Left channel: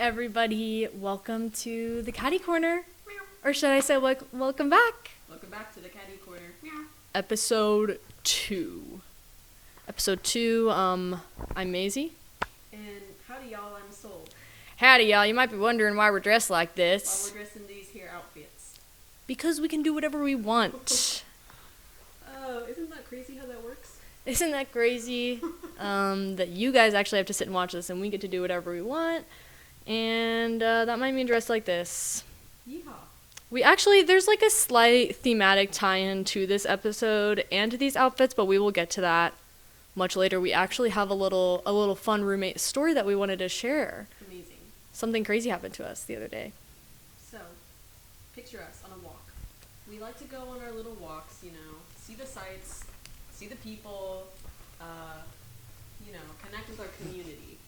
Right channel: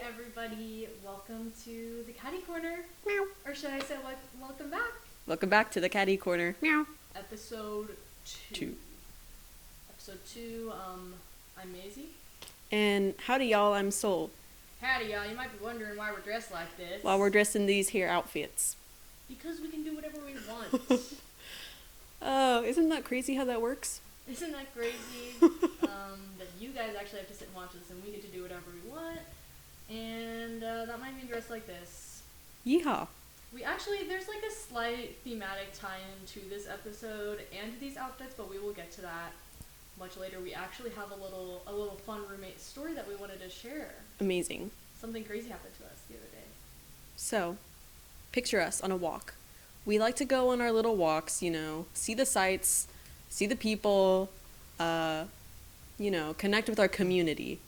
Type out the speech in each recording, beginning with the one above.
everybody. Welcome to the Catty Corner. Meow. Or should I say welcome back? Welcome back to the Catty Corner. Meow. Episode 2. Episode 2, I'm Maisy. And howdy y'all, I'm Soul. Howdy y'all, you might be wondering why we're dressed like this. While we're dressed in these here outfits. Because we can do whatever we want. Isn't that crazy how that works? Isn't that crazy? That you guys actually have to sit and watch this and we get to do whatever we want. And that might mean dressed like this. Yeehaw. There's like a slight thematic tie-in to this episode and to these outfits, but we will get to that much later. We actually have a little fun roommate story that we wanted to share. Amazing. Something crazy happened to us the other day. So, picture us on a walk. We like to go on our little walks, see the sights, see the people, connect with our community.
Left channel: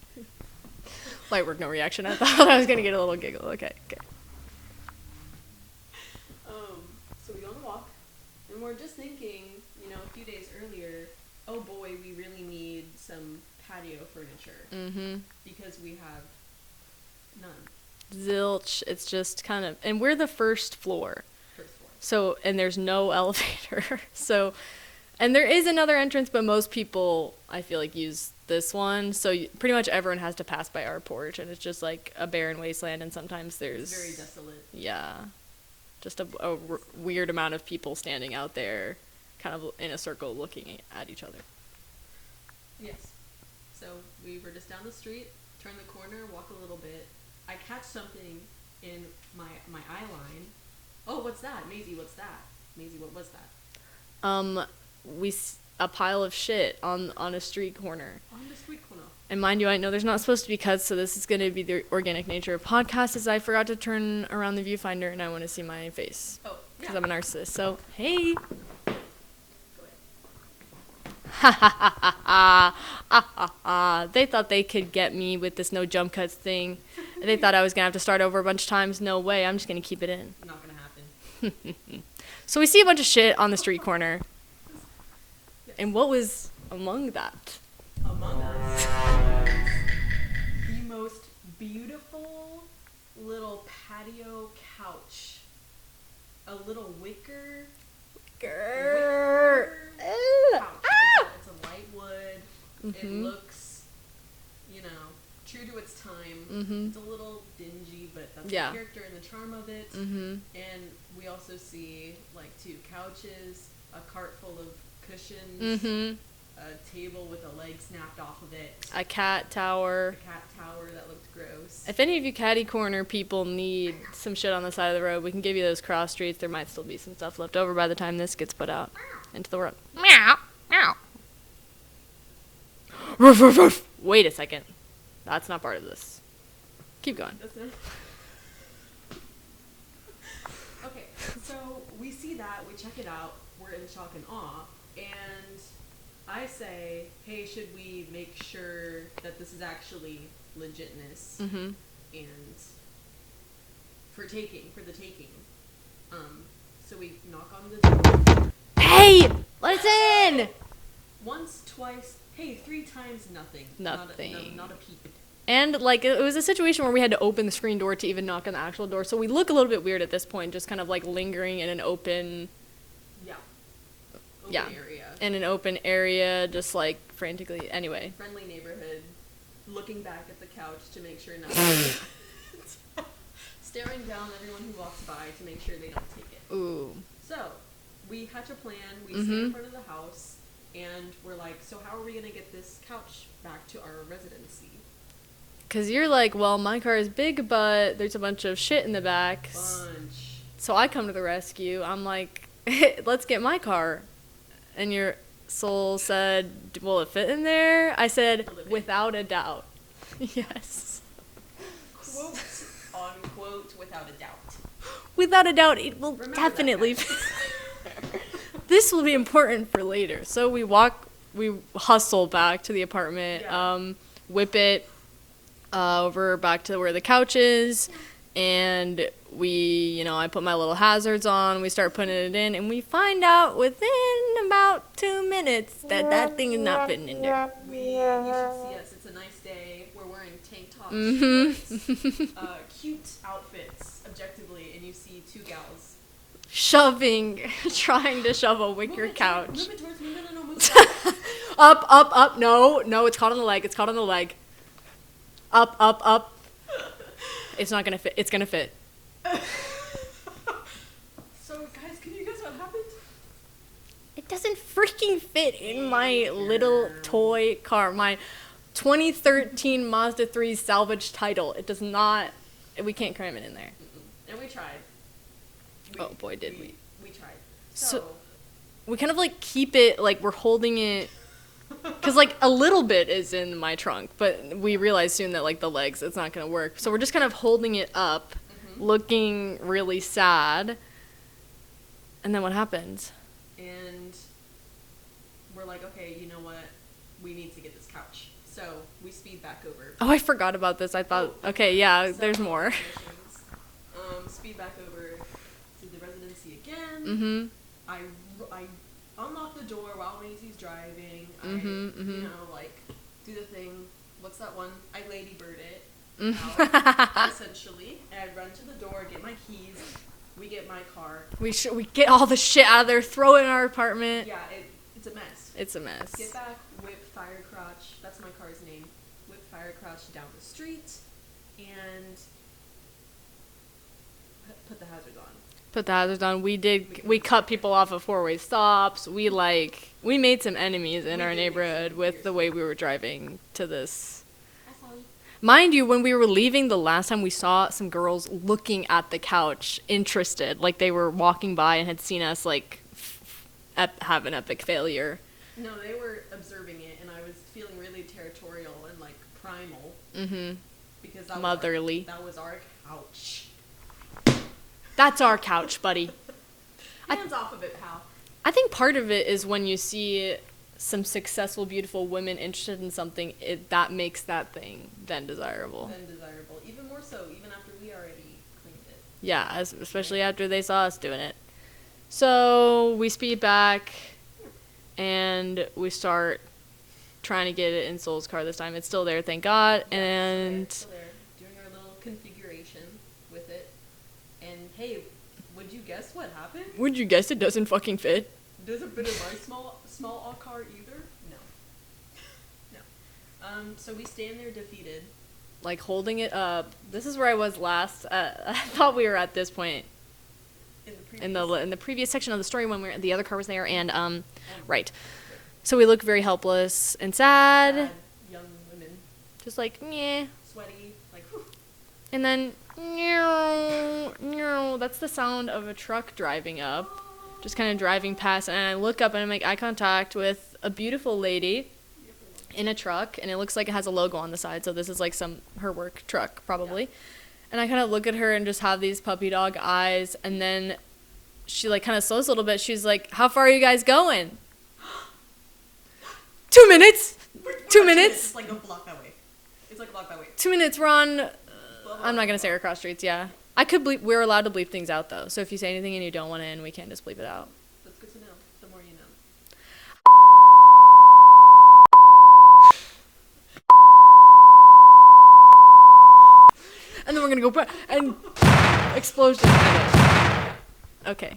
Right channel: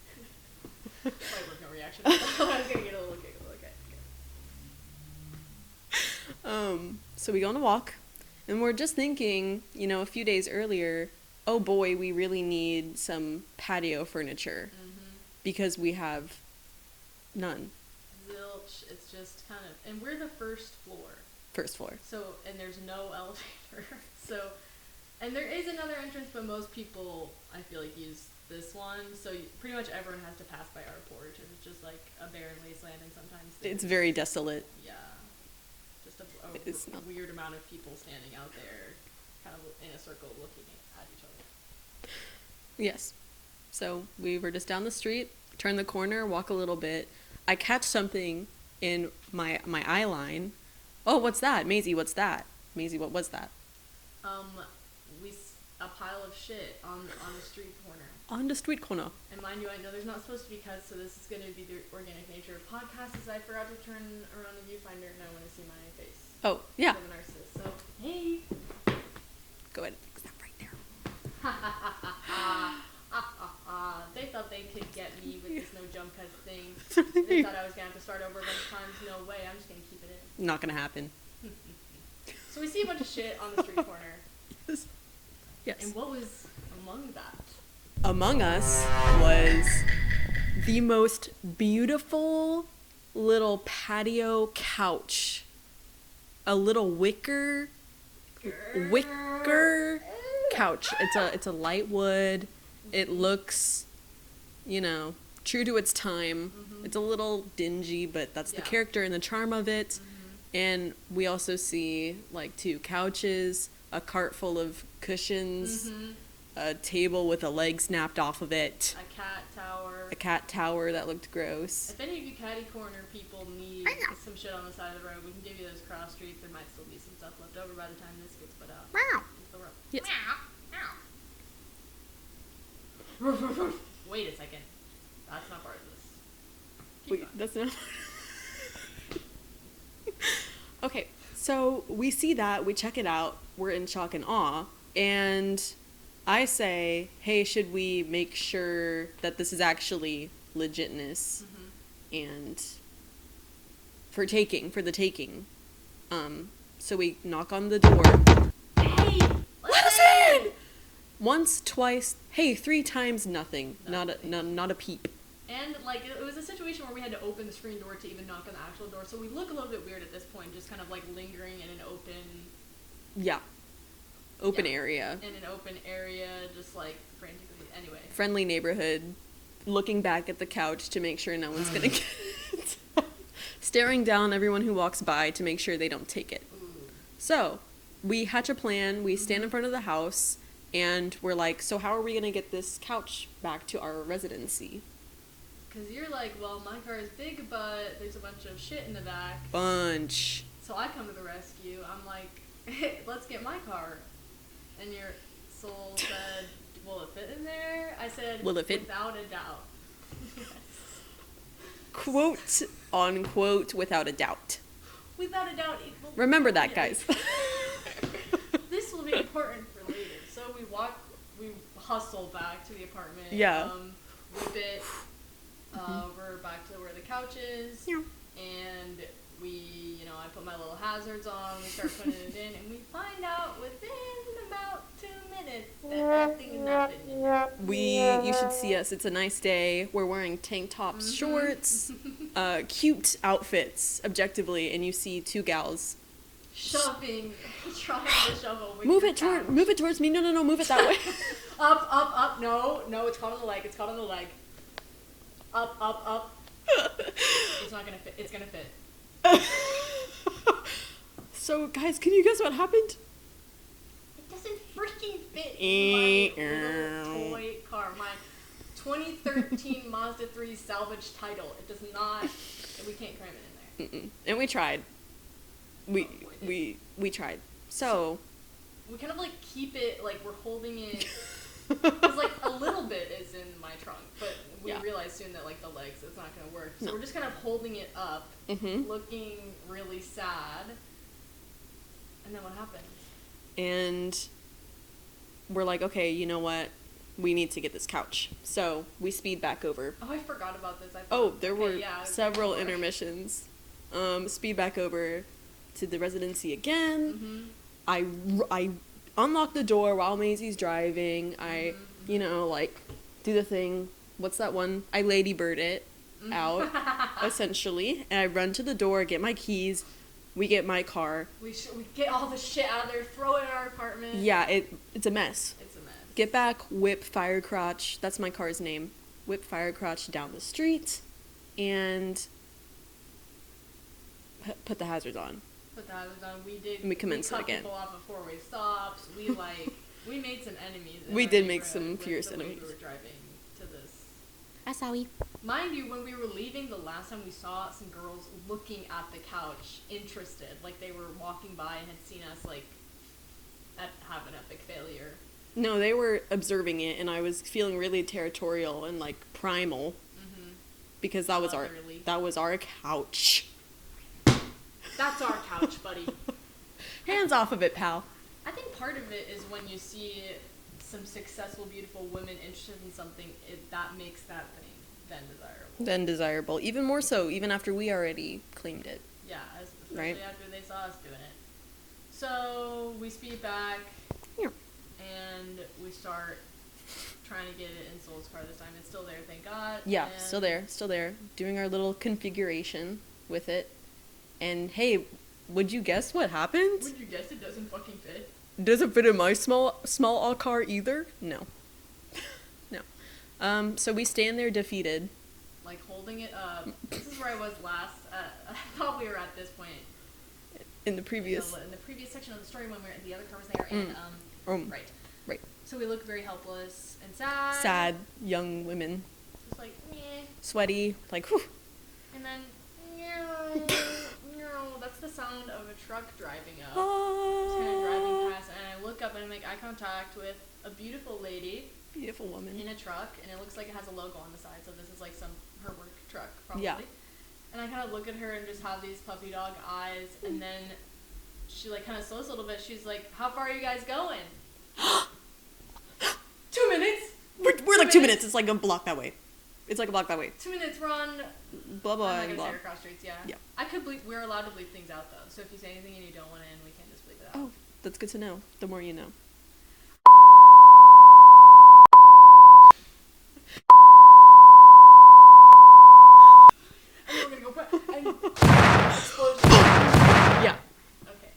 Light work, no reaction. I thought I was going to get a little giggle. Okay. So we go on a walk, and we're just thinking, a few days earlier, oh boy, we really need some patio furniture. Mm-hmm. Because we have none. Zilch. It's just kind of, and we're the first floor. First floor. So, and there's no elevator. So, and there is another entrance, but most people, I feel like, use this one. So pretty much everyone has to pass by our porch, and it's just like a barren wasteland, and sometimes there's... It's very desolate. Yeah. Just a weird amount of people standing out there, kind of in a circle looking at each other. Yes. So we were just down the street, turn the corner, walk a little bit. I catch something in my eye line. Oh, what's that? Maisy, what's that? Maisy, what was that? A pile of shit on a street corner. On the street corner. And mind you, I know there's not supposed to be cuts, so this is going to be the organic nature of podcasts, as I forgot to turn around the viewfinder and I want to see my face. Oh, yeah. Because I'm a narcissist, so, hey. Go ahead. Right there. Ha ha ha ha ha. Ah, ah, ah. They thought they could get me with this no jump cuts thing. They thought I was going to have to start over a bunch of times. No way. I'm just going to keep it in. Not going to happen. So we see a bunch of shit on the street corner. Yes. And what was among that? Among us was the most beautiful little patio couch. A little wicker couch. It's a light wood. Mm-hmm. It looks, true to its time. Mm-hmm. It's a little dingy, but that's the character and the charm of it. Mm-hmm. And we also see like 2 couches, a cart full of cushions, mm-hmm. a table with a leg snapped off of it, a cat tower that looked gross. If any of you Catty Corner people need some shit on the side of the road, we can give you those cross streets. There might still be some stuff left over by the time this gets put out into the world. Yes. Meow, meow. Ruff, ruff, ruff. Wait a second, that's not part of this. Keep going. That's not. Okay, so we see that, we check it out, we're in shock and awe, and I say, hey, should we make sure that this is actually legitness, mm-hmm. and for the taking. So we knock on the door. Hey, listen! Once, twice, hey, 3 times, nothing. Not a peep. And, it was a situation where we had to open the screen door to even knock on the actual door. So we look a little bit weird at this point, just kind of, lingering in an open... Yeah. Open area. In an open area, just, frantically... Anyway. Friendly neighborhood. Looking back at the couch to make sure no one's going to get it. Staring down everyone who walks by to make sure they don't take it. Ooh. So, we hatch a plan. We mm-hmm. stand in front of the house. And we're like, so how are we going to get this couch back to our residency? Because you're like, well, my car is big, but there's a bunch of shit in the back. Bunch. So I come to the rescue. I'm like, let's get my car. And your soul said, will it fit in there? I said, without a doubt. Yes. Quote, unquote, without a doubt. Without a doubt, it will Remember definitely that, guys. This will be important for later. So we hustle back to the apartment, whip it over back to where the couch is, and I put my little hazards on, we start putting it in, and we find out within in about 2 minutes that thing is not fitting in there. You should see us. It's a nice day. We're wearing tank tops, shorts, cute outfits, objectively, and you see 2 gals trying to shove a wicker couch. Move it towards me. No, move it that way. Up. No, it's caught on the leg. Up. It's not gonna fit. It's gonna fit. So, guys, can you guess what happened? It doesn't freaking fit in my little toy car. My 2013 Mazda 3 salvage title. It does not. We can't cram it in there. And we tried. We tried. So we kind of like keep it like we're holding it because like a little bit is in my trunk, but we realize soon that like the legs, it's not gonna work. So we're just kind of holding it up, looking really sad. And then what happens? And we're like, okay, you know what? We need to get this couch. So we speed back over. Oh, I forgot about this. I thought, there's more. Intermissions. Speed back over to the residency again. I unlock the door while Maisy's driving. I do the thing. What's that one? I ladybird it out, essentially. And I run to the door, get my keys. We get my car. We get all the shit out of there, throw it in our apartment. Yeah, it's a mess. It's a mess. Get back, whip Firecrotch. That's my car's name. Whip Firecrotch down the street, and put the hazards on. We cut people off at 4-way stops. We made some enemies in our neighborhood with the way we were driving to this. Mind you, when we were leaving the last time, we saw some girls looking at the couch, interested, like they were walking by and had seen us like have an epic failure. No, they were observing it, and I was feeling really territorial and like primal. Because that was motherly. That was our couch. That's our couch, buddy. Hands off of it, pal. I think part of it is when you see some successful, beautiful women interested in something, that makes that thing then desirable. Even more so, even after we already claimed it. Yeah, especially after they saw us doing it. So we speed back, and we start trying to get it in Soul's car this time. It's still there, thank God. Yeah, and still there. Doing our little configuration with it. And hey, would you guess what happened? Would you guess it doesn't fucking fit? Doesn't fit in my small car either? No. So we stand there defeated. Like holding it up. This is where I was last. I thought we were at this point. In the previous section of the story when the other car was there, and right. So we look very helpless and sad. Young women, just like yeah, sweaty, like whew. And then that's the sound of a truck driving up, just kind of driving past, and I look up and I make eye contact with a beautiful lady, beautiful woman in a truck, and it looks like it has a logo on the side, so this is like her work truck probably. Yeah. And I kind of look at her and just have these puppy dog eyes, and then she like kind of slows a little bit. She's like, "How far are you guys going?" 2 minutes. We're 2 minutes. It's like a block that way. 2 minutes. We're on. Blah, blah, I'm not gonna blah. say our cross streets. Yeah. I could bleep. We're allowed to bleep things out though. So if you say anything and you don't want to in, we can just bleep it out. Oh, that's good to know. The more you know. And then we're gonna go back and explosion. Yeah. Okay.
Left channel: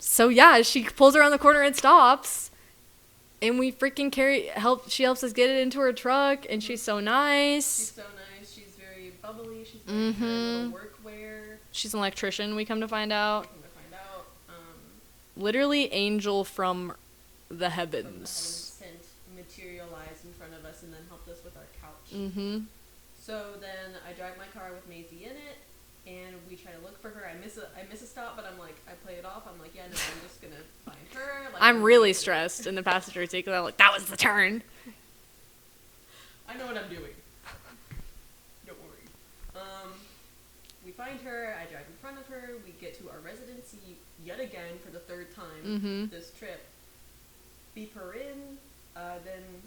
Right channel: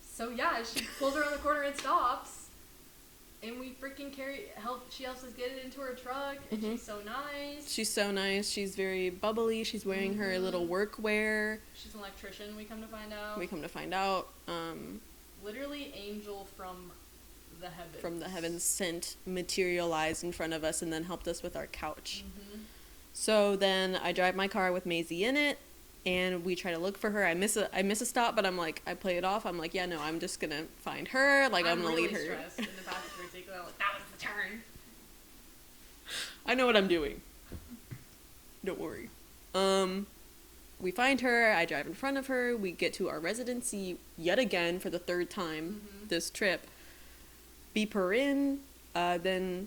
So yeah, she pulls around the corner and stops, and we freaking she helps us get it into her truck, and she's so nice. She's very bubbly. She's wearing her little workwear. She's an electrician. We come to find out. Literally angel from the heavens. Sent, materialized in front of us, and then helped us with our couch. So then I drive my car with Maisy in it, and we try to look for her. I miss a stop, but I'm like, I play it off. I'm like, yeah, no, I'm just gonna find her. Like, I'm really stressed in the passenger seat because I'm like, that was the turn. I know what I'm doing. Don't worry. We find her. I drive in front of her. We get to our residency yet again for the third time this trip. Beep her in. Then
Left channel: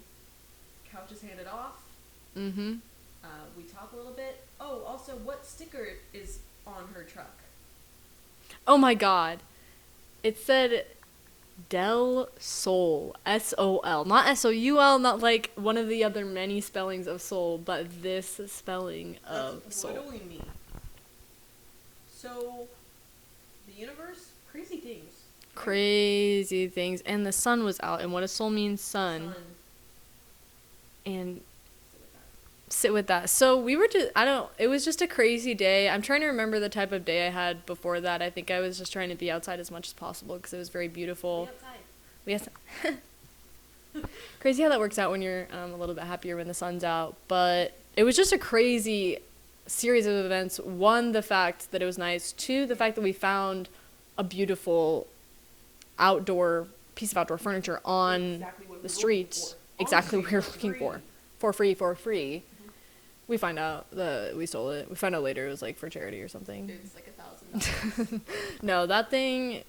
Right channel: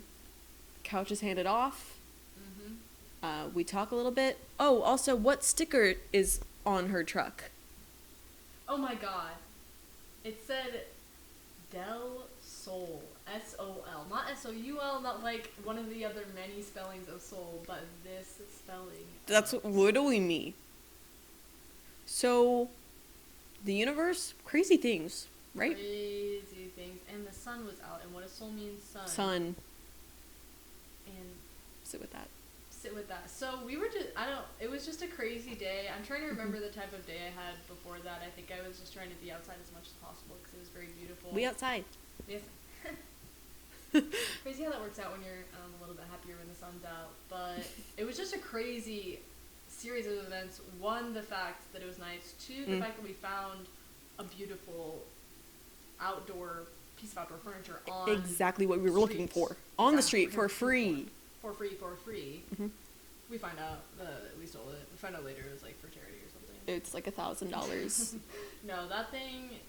couch is handed off. We talk a little bit. Oh, also, what sticker is on her truck? Oh my God. It said Del Sol, S-O-L, not S-O-U-L, not like one of the other many spellings of soul, but this spelling That's of what do soul. we mean? So, the universe, crazy things, right? Crazy things, and the sun was out, and what does soul mean? Sun. And Sit with that. So we were just, it was just a crazy day. I'm trying to remember the type of day I had before that. I think I was just trying to be outside as much as possible because it was very beautiful. We outside. Crazy how that works out when you're a little bit happier when the sun's out. But it was just a crazy series of events. One, the fact that it was nice. Two, the fact that we found a beautiful piece of outdoor furniture on exactly what we were street. looking for. Exactly on the street, for free. For free. Mm-hmm. We find out that we stole it. We find out later it was like for charity or something. It's like $1,000. No, that thing,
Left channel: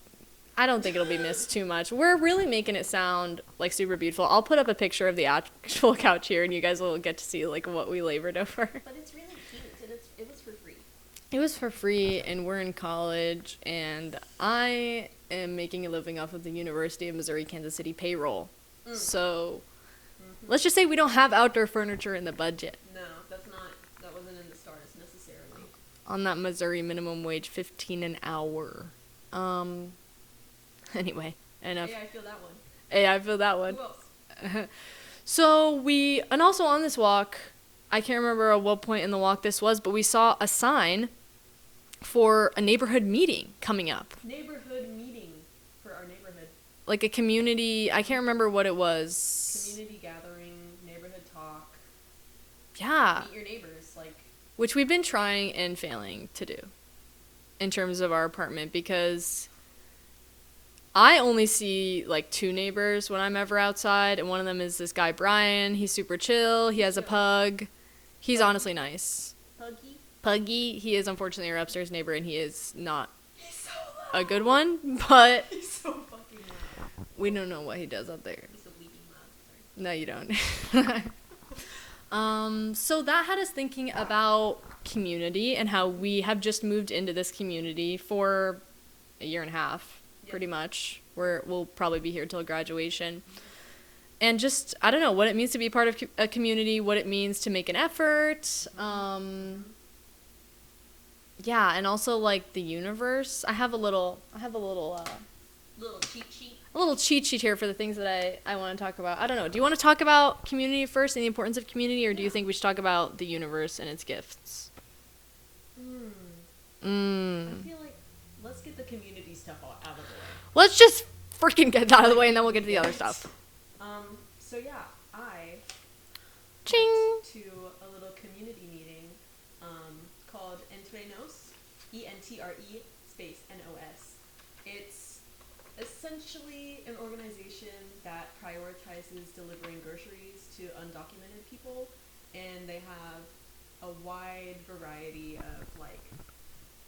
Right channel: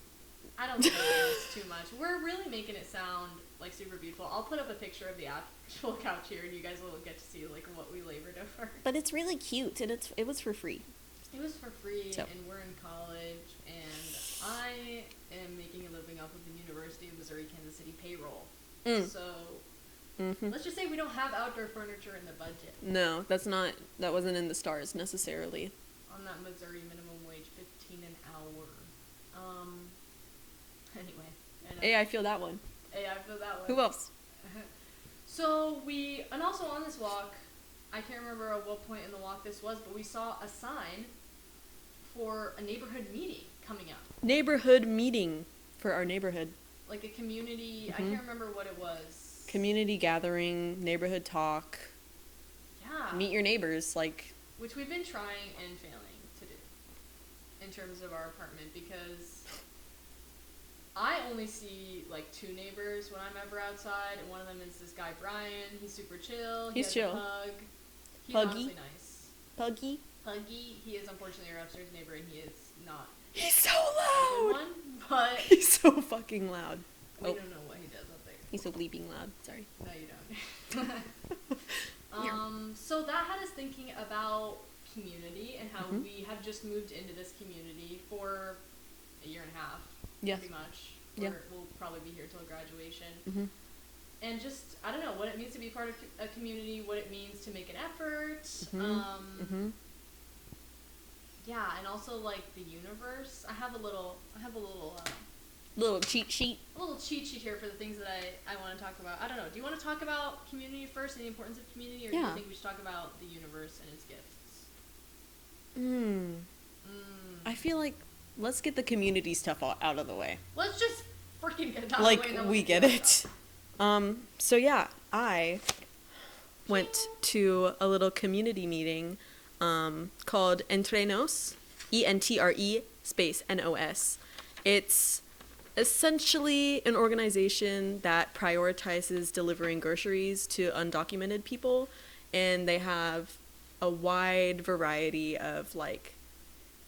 I don't think it'll be missed too much. We're really making it sound like super beautiful. I'll put up a picture of the actual couch here and you guys will get to see like what we labored over. But it's really cute and it was for free. It was for free, and we're in college, and I am making a living off of the University of Missouri-Kansas City payroll. So let's just say we don't have outdoor furniture in the budget. No, that wasn't in the stars necessarily. On that Missouri minimum wage, $15 an hour. Anyway. Enough. Hey, I feel that one. Who else? And also on this walk, I can't remember at what point in the walk this was, but we saw a sign for a neighborhood meeting coming up. Neighborhood meeting for our neighborhood. Like a community, I can't remember what it was. Community gathering, neighborhood talk. Yeah. Meet your neighbors, which we've been trying and failing to do in terms of our apartment, because I only see like 2 neighbors when I'm ever outside, and one of them is this guy Brian. He's super chill. He has a pug. He's honestly nice. Puggy. He is unfortunately our upstairs neighbor, and he is not He's so loud. a good one, but he's so fucking loud. We don't know what he does up there. He's so bleeping loud. Sorry. No, you don't. So that had us thinking about community and how we have just moved into this community for a year and a half, pretty much. We'll probably be here till graduation. And just, I don't know, what it means to be part of a community, what it means to make an effort. Yeah, and also like the universe. I have a little cheat sheet. A little cheat sheet here for the things that I want to talk about. I don't know. Do you want to talk about community first and the importance of community, or do you think we should talk about the universe and its gifts? I feel like let's get the community stuff out of the way. Let's just freaking get that out of the way, and then we'll get to the other stuff. So yeah, I went to a little community meeting called Entrenos, ENTRE space NOS. It's essentially an organization that prioritizes delivering groceries to undocumented people, and they have a wide variety of like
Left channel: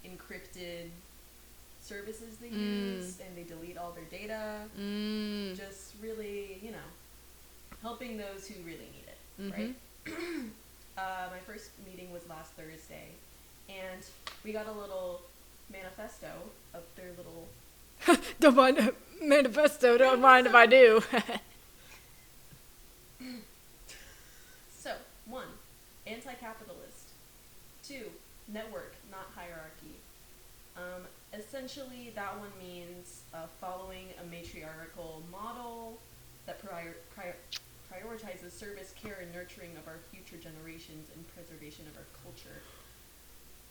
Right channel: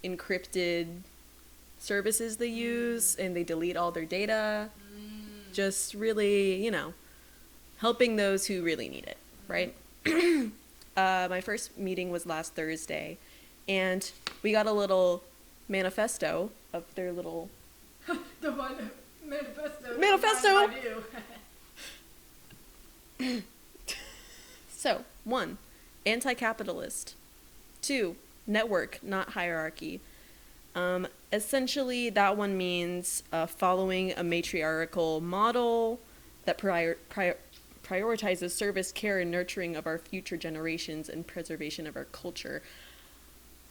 encrypted services they use, and they delete all their data. Just really, helping those who really need it, right? My first meeting was last Thursday, and we got a little manifesto of their little Don't mind manifesto. Don't mind if I do. So, 1, anti-capitalist. 2, network, not hierarchy. Essentially, that one means following a matriarchal model that prioritizes service, care, and nurturing of our future generations and preservation of our culture.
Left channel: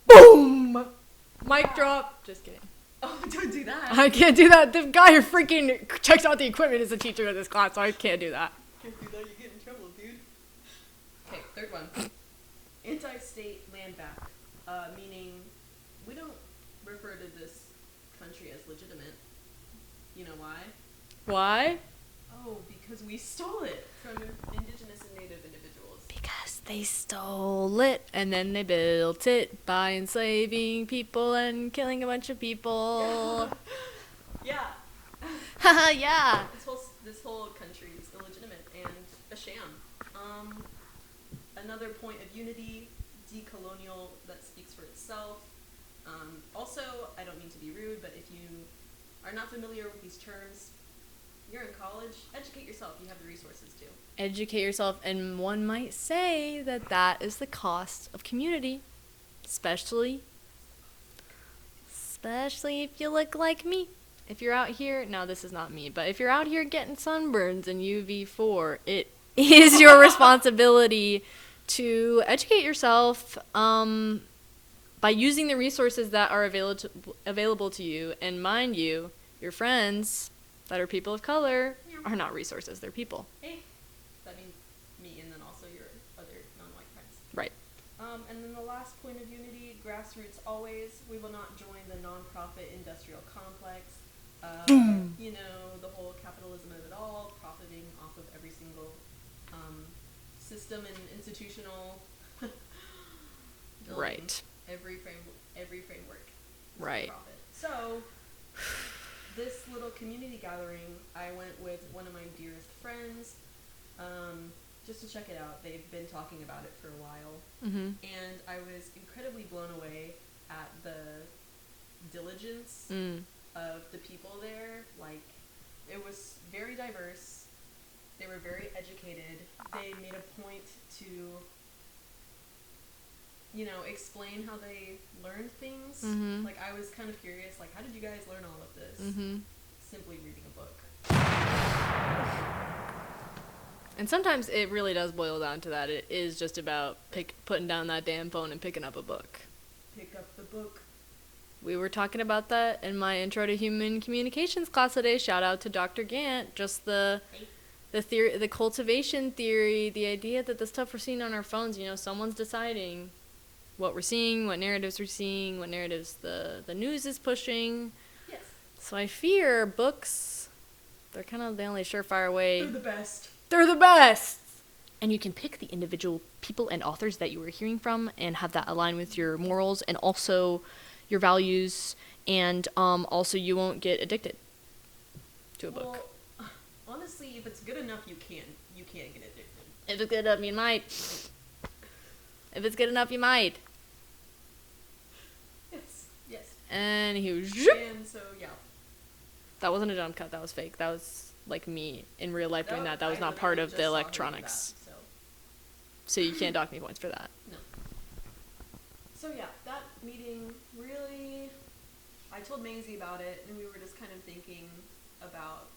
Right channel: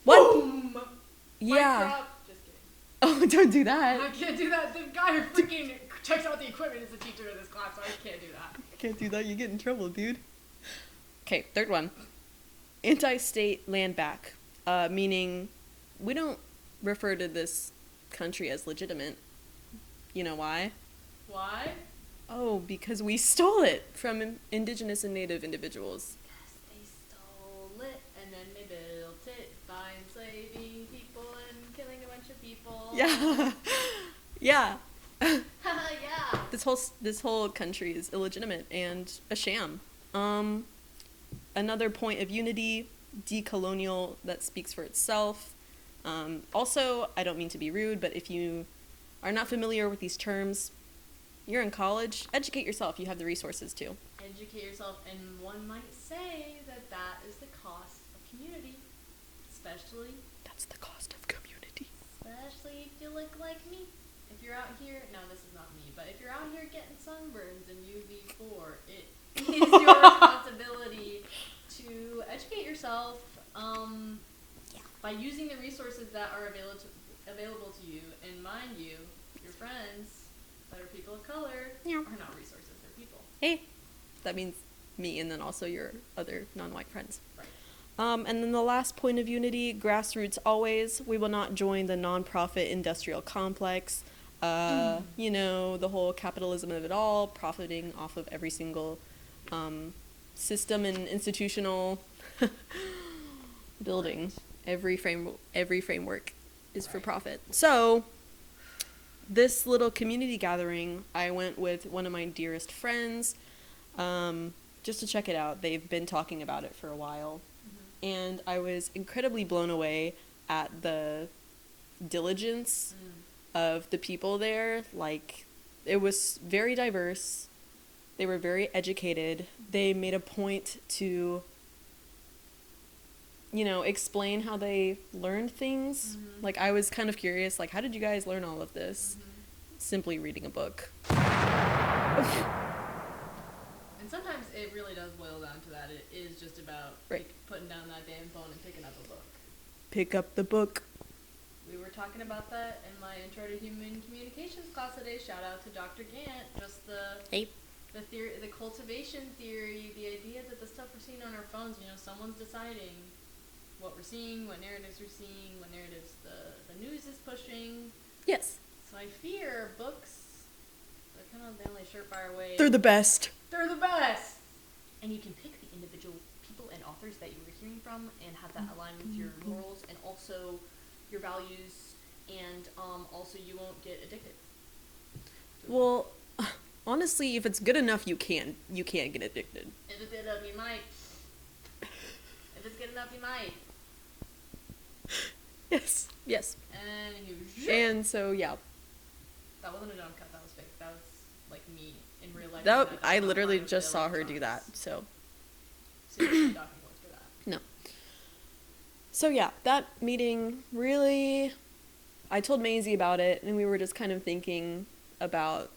Boom! Mic drop. Just kidding. Oh, don't do that. I can't do that. The guy who freaking checks out the equipment is a teacher of this class, so I can't do that. Can't do that. You get in trouble, dude. Okay, third one. Anti-state land back, meaning we don't refer to this country as legitimate. You know why? Why? Oh, because we stole it from indigenous and native individuals. Because they stole it, and then they built it by enslaving people and killing a bunch of people. Yeah. Yeah. This whole country is illegitimate and a sham. Another point of unity, decolonial, that speaks for itself. Also, I don't mean to be rude, but if you are not familiar with these terms, you're in college, educate yourself. You have the resources to. Educate yourself, and one might say that that is the cost of community. Especially, that's the cost of community. Especially if you look like me. If you're out here, no, this is not me, but if you're out here getting sunburns and UV4, it is your responsibility to educate yourself by using the resources that are available to you. And mind you, your friends that are people of color are not resources, they're people. Hey, that means me and then also your other non-white friends. Right. And then the last point of unity, grassroots always. We will not join the nonprofit industrial complex. You know, the whole capitalism of it all, profiting off of every single system and institutional building. Right. Every framework is for profit. So, this little community gathering, I went with one of my dearest friends, just to check it out. They've been talking about it for a while. Mm-hmm. And I was incredibly blown away at the diligence of the people there. Like, it was very diverse. They were very educated. They made a point to, you know, explain how they learned things. Mm-hmm. Like, I was kind of curious, like, how did you guys learn all of this? Mm-hmm. Simply reading a book. And sometimes it really does boil down to that. It is just about putting down that damn phone and picking up a book. Pick up the book. We were talking about that in my Intro to Human Communications class today. Shout out to Dr. Gant. Just the theory, the cultivation theory, the idea that the stuff we're seeing on our phones, you know, someone's deciding what we're seeing, what narratives we're seeing, what narratives the news is pushing. Yes. So I fear books, they're kind of the only surefire way. They're the best. They're the best! And you can pick the individual people and authors that you are hearing from and have that align with your morals and also your values, and also you won't get addicted to a book. Well, honestly, if it's good enough, you can't get addicted. If it's good enough, you might. If it's good enough, you might. Yes. And he was... And so, yeah. That wasn't a jump cut, that was fake. That was like me in real life. That was I not literally part of just the saw electronics. her do that. So you can't dock me points for that. No. So yeah, that meeting really, I told Maisy about it, and we were just kind of thinking about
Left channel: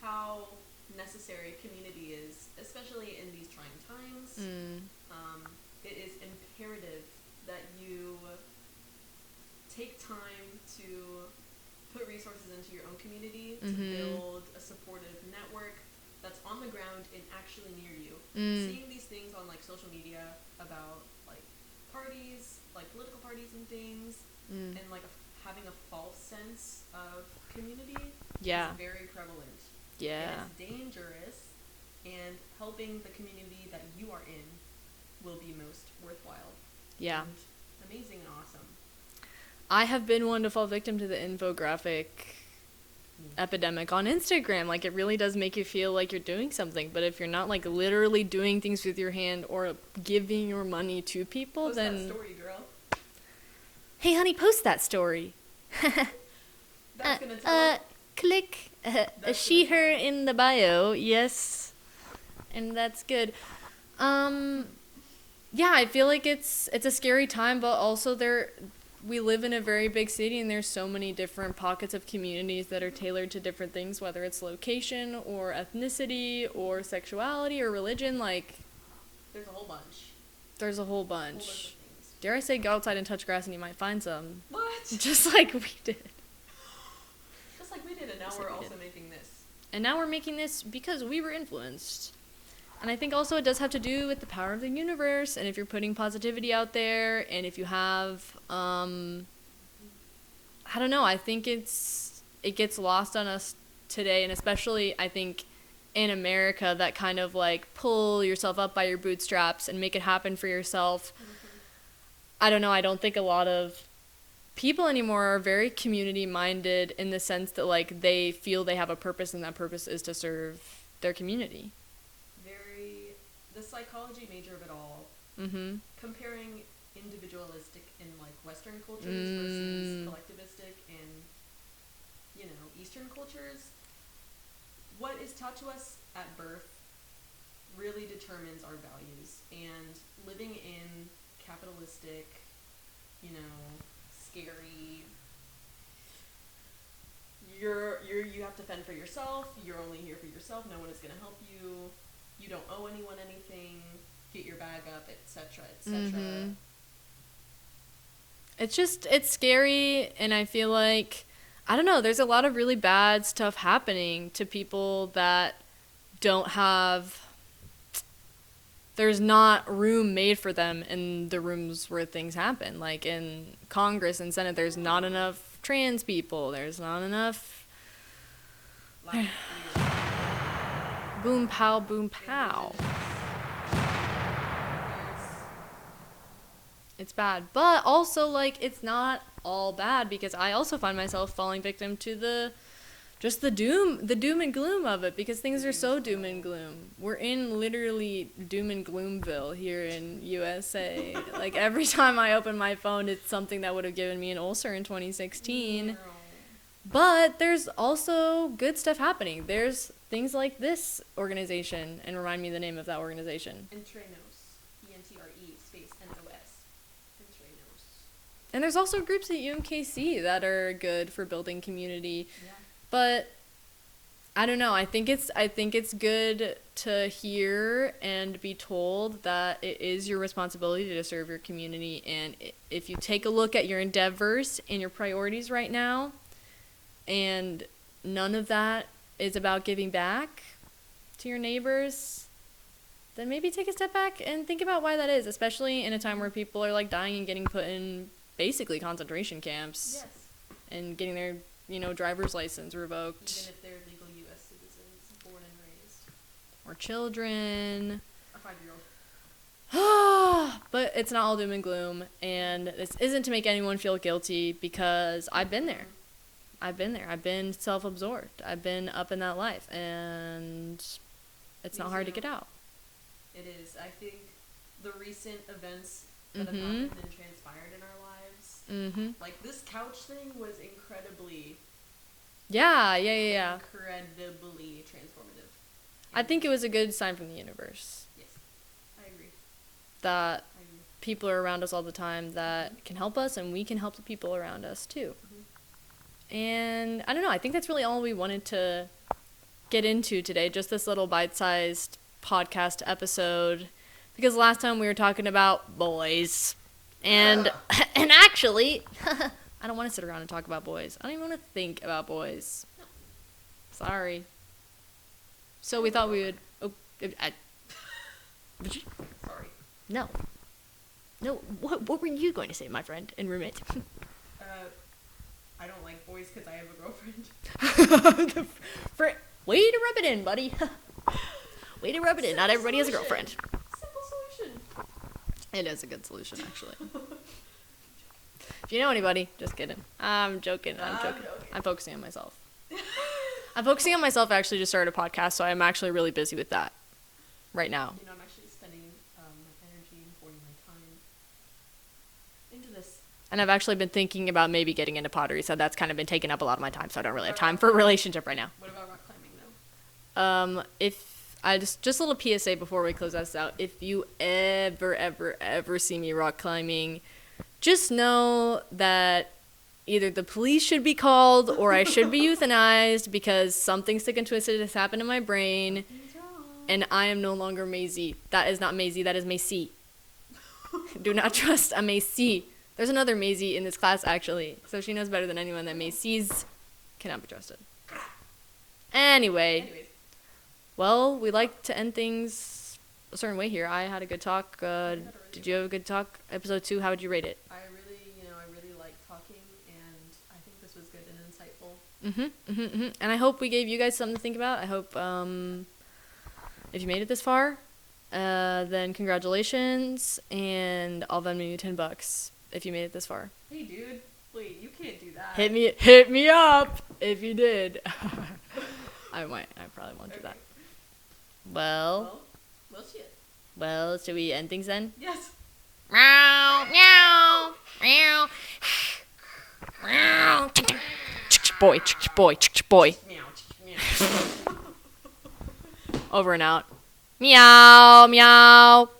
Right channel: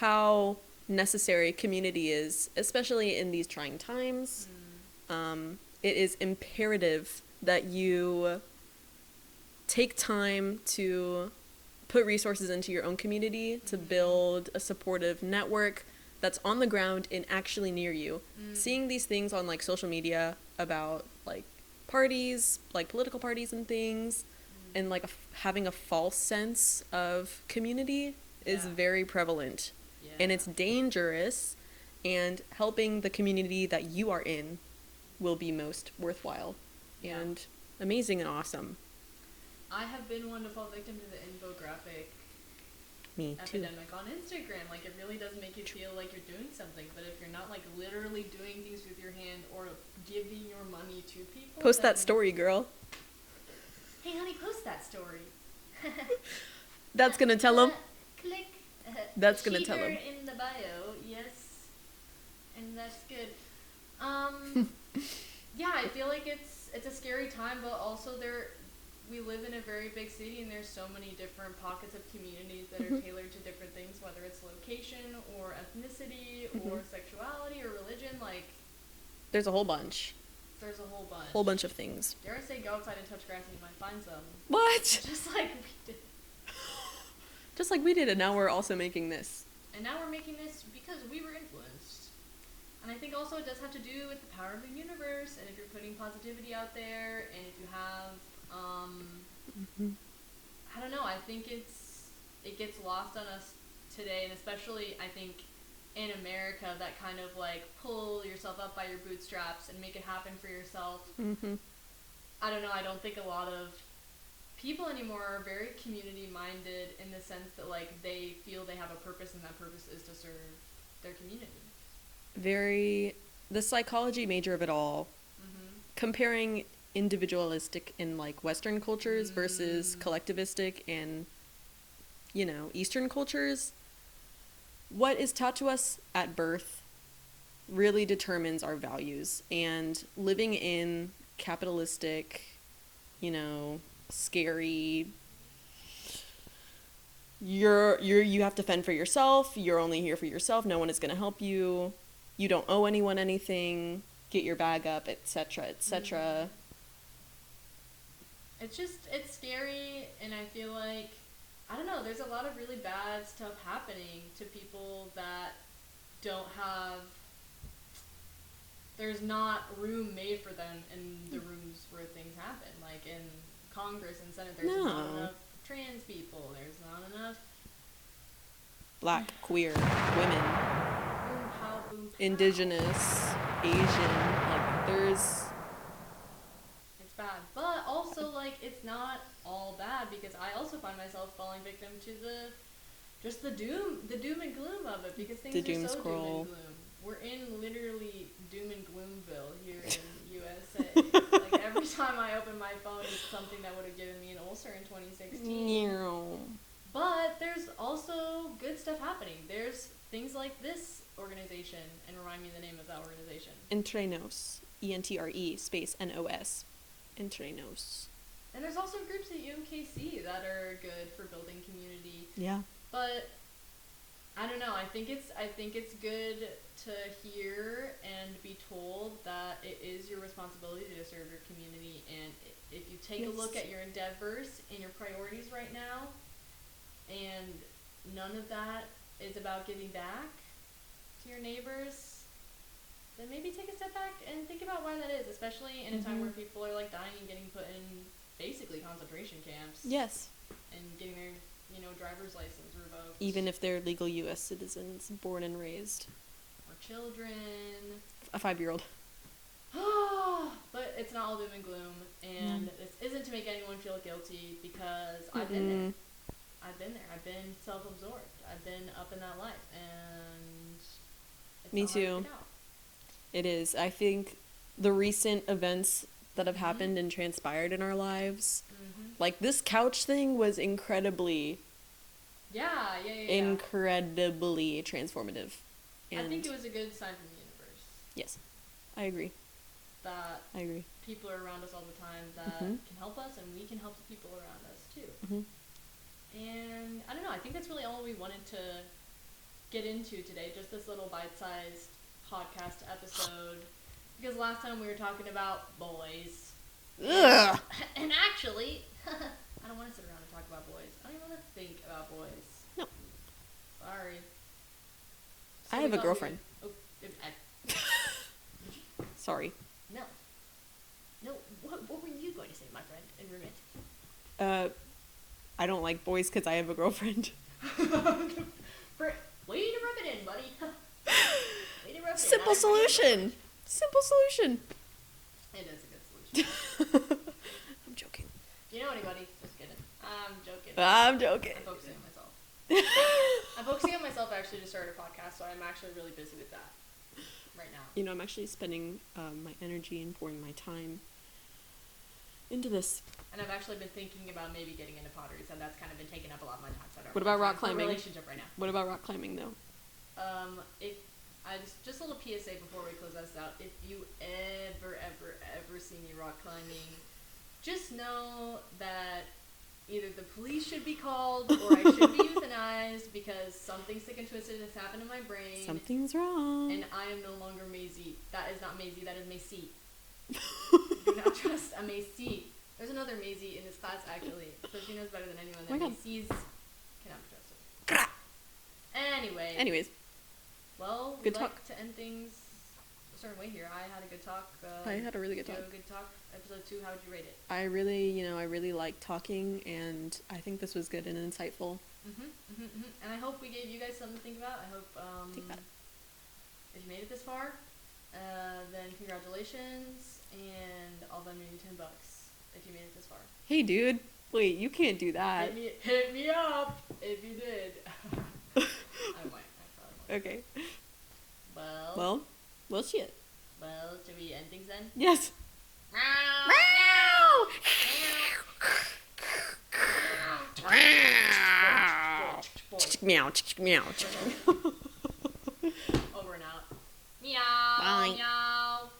how necessary community is, especially in these trying times. It is imperative that you take time to put resources into your own community to build a supportive network that's on the ground and actually near you. Seeing these things on like social media about like parties, like political parties and things, and like having a false sense of community is very prevalent. Yeah. And it's dangerous, and helping the community that you are in will be most worthwhile. Yeah. And amazing and awesome. I have been one to fall victim to the infographic epidemic on Instagram. Like, it really does make you feel like you're doing something, but if you're not like literally doing things with your hand or giving your money to people, post that story, girl. Hey honey, post that story. That's gonna tell them. Click. That's she, gonna tell her 'em. in the bio. Yes. And that's good. Yeah, I feel like it's a scary time, but also we live in a very big city, and there's so many different pockets of communities that are tailored to different things, whether it's location or ethnicity or sexuality or religion. Like, there's a whole bunch. There's a whole bunch. Whole bunch of things. Dare I say, go outside and touch grass and you might find some. What? Just like we did. Just like we did, and now we're also making this. And now we're making this because we were influenced. And I think also it does have to do with the power of the universe, and if you're putting positivity out there, and if you have, I don't know, I think it gets lost on us today, and especially, I think, in America, that kind of, like, pull yourself up by your bootstraps and make it happen for yourself. I don't know, I don't think a lot of people anymore are very community-minded in the sense that, like, they feel they have a purpose, and that purpose is to serve their community. The psychology major of it all, comparing individualistic in like Western cultures versus collectivistic in Eastern cultures, what is taught to us at birth really determines our values. And living in capitalistic, scary, you have to fend for yourself, you're only here for yourself, no one is going to help you, you don't owe anyone anything, get your bag up, etc., etc. Mm-hmm. It's scary, and I feel like, I don't know, there's a lot of really bad stuff happening to people that don't have, there's not room made for them in the rooms where things happen. Like in Congress and Senate, there's not enough trans people, there's not enough Black, queer, women, boom pow, Indigenous, Asian, it's bad. But also, like, it's not all bad, because I also find myself falling victim to the doom and gloom of it, because things are so doom and gloom. We're in literally doom and gloomville here in USA. Like, every time I open my phone, it's something that would have given me an ulcer in 2016. No. But there's also good stuff happening. There's things like this organization, and remind me the name of that organization. Entrenos. ENTRE space NOS. Entrenos. And there's also groups at UMKC that are good for building community. Yeah. But I don't know. I think it's good to hear and be told that it is your responsibility to serve your community. And if you take a look at your endeavors and your priorities right now, and none of that is about giving back to your neighbors, then maybe take a step back and think about why that is, especially in a time where people are like dying and getting put in basically concentration camps. Yes. And getting their, driver's license revoked. Even if they're legal U.S. citizens, born and raised. Or children. A 5-year-old. But it's not all doom and gloom, and this isn't to make anyone feel guilty, because I've been there. I've been self-absorbed. I've been up in that life, and it's not hard to get out. It is. I think the recent events that have happened and transpired in our lives, like this couch thing was incredibly incredibly transformative. I think it was a good sign from the universe. Yes, I agree. People are around us all the time that can help us, and we can help the people around us too. And I don't know, I think that's really all we wanted to get into today, just this little bite-sized podcast episode, because last time we were talking about boys, and actually I don't want to sit around and talk about boys. I don't even want to think about boys. No, sorry. So we thought we would sorry. No, what were you going to say, my friend and roommate? I don't like boys because I have a girlfriend. Way to rub it in, buddy. Way to rub it in. Not everybody has a girlfriend. Simple solution. It is a good solution, actually. I'm joking. If you know anybody, just kidding. I'm joking. I'm joking. I'm focusing on myself. I'm focusing on myself, actually, to start a podcast, so I'm actually really busy with that right now. I'm actually spending my energy and pouring my time into this. And I've actually been thinking about maybe getting into pottery, so that's kind of been taking up a lot of my time, so I don't really have time for a relationship right now. What about rock climbing, though? Just a little PSA before we close this out. If you ever see me rock climbing, just know that either the police should be called or I should be euthanized, because something sick and twisted has happened in my brain. Something's wrong. And I am no longer Maisy. That is not Maisy. That is Maisy. Do not trust a Maisy. There's another Maisy in this class, actually. So she knows better than anyone that Maisys cannot be trusted. Anyways. Well, we like to end things a certain way here. I had a good talk. I had a really good talk. Did you have a good talk? Episode 2, how would you rate it? I really like talking, and I think this was good and insightful. And I hope we gave you guys something to think about. I hope if you made it this far, then congratulations, and I'll Venmo you $10 if you made it this far. Hey, dude. Wait, you can't do that. Hit me up if you did. I probably won't do that. Well, shit. Well, should we end things then? Yes. Meow, meow, meow, meow. boy, boy, boy. Meow, meow. Over and out. Meow, meow.